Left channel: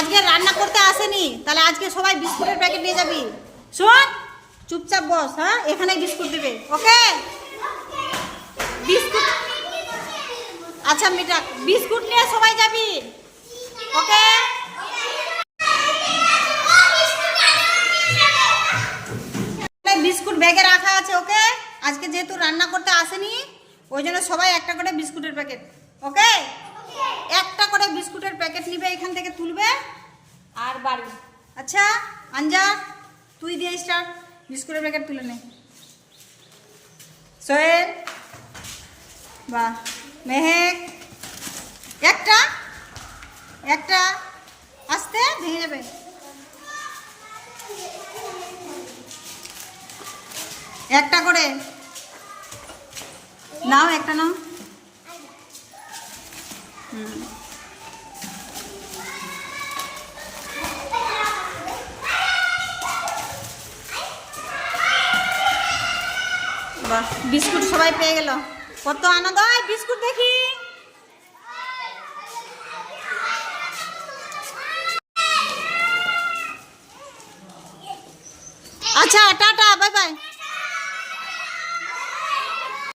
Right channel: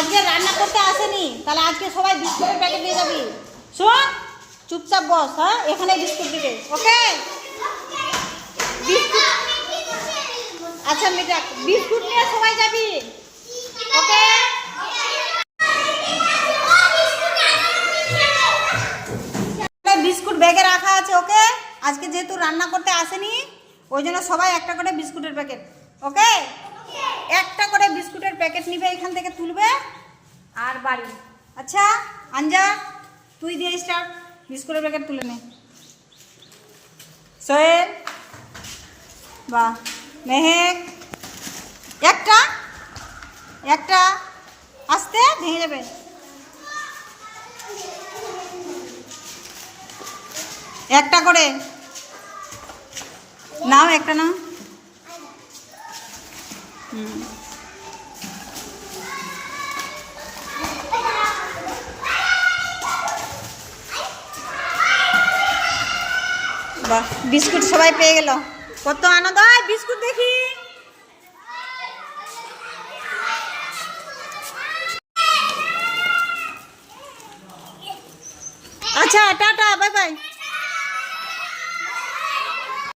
আজকে রান্না করতে আসেনি, তাহলে আজকে সবাই বিস্কুটের প্যাকেট নিয়ে যাবি। শোন, চুপচাপ বস। হ্যাঁ, এখানে বিস্কুট দিবে। ওকে? বিস্কুট, আচ্ছা মিঠা, বিস্কুট নিয়ে সবাই যাবি। ওকে? বিস্কুট ব্যাগে রাখা আছে। ওকে? আজকে যেহেতু রান্না করতে আসেনি, ওই জন্য সবাই একটা করে বিস্কুটের প্যাকেট। ওকে? একটা করে বিস্কুটের প্যাকেট নিবে, এখান থেকে তুলবে আর বাড়ি। আচ্ছা আঞ্জাদ, তুই দিয়ে স্টার্ট, বিস্কুটের প্যাকেট তুলে নে। সোহেল, বাহ, মেহেক, একটা একটা আস্তে, ভেঙে যাবে। একটা করে নাও, একটা নাও। বাহ, বিস্কুট সবাই পেয়ে গেল, কত আনন্দ হয়। বিস্কুট দেখি। আচ্ছা টাটা।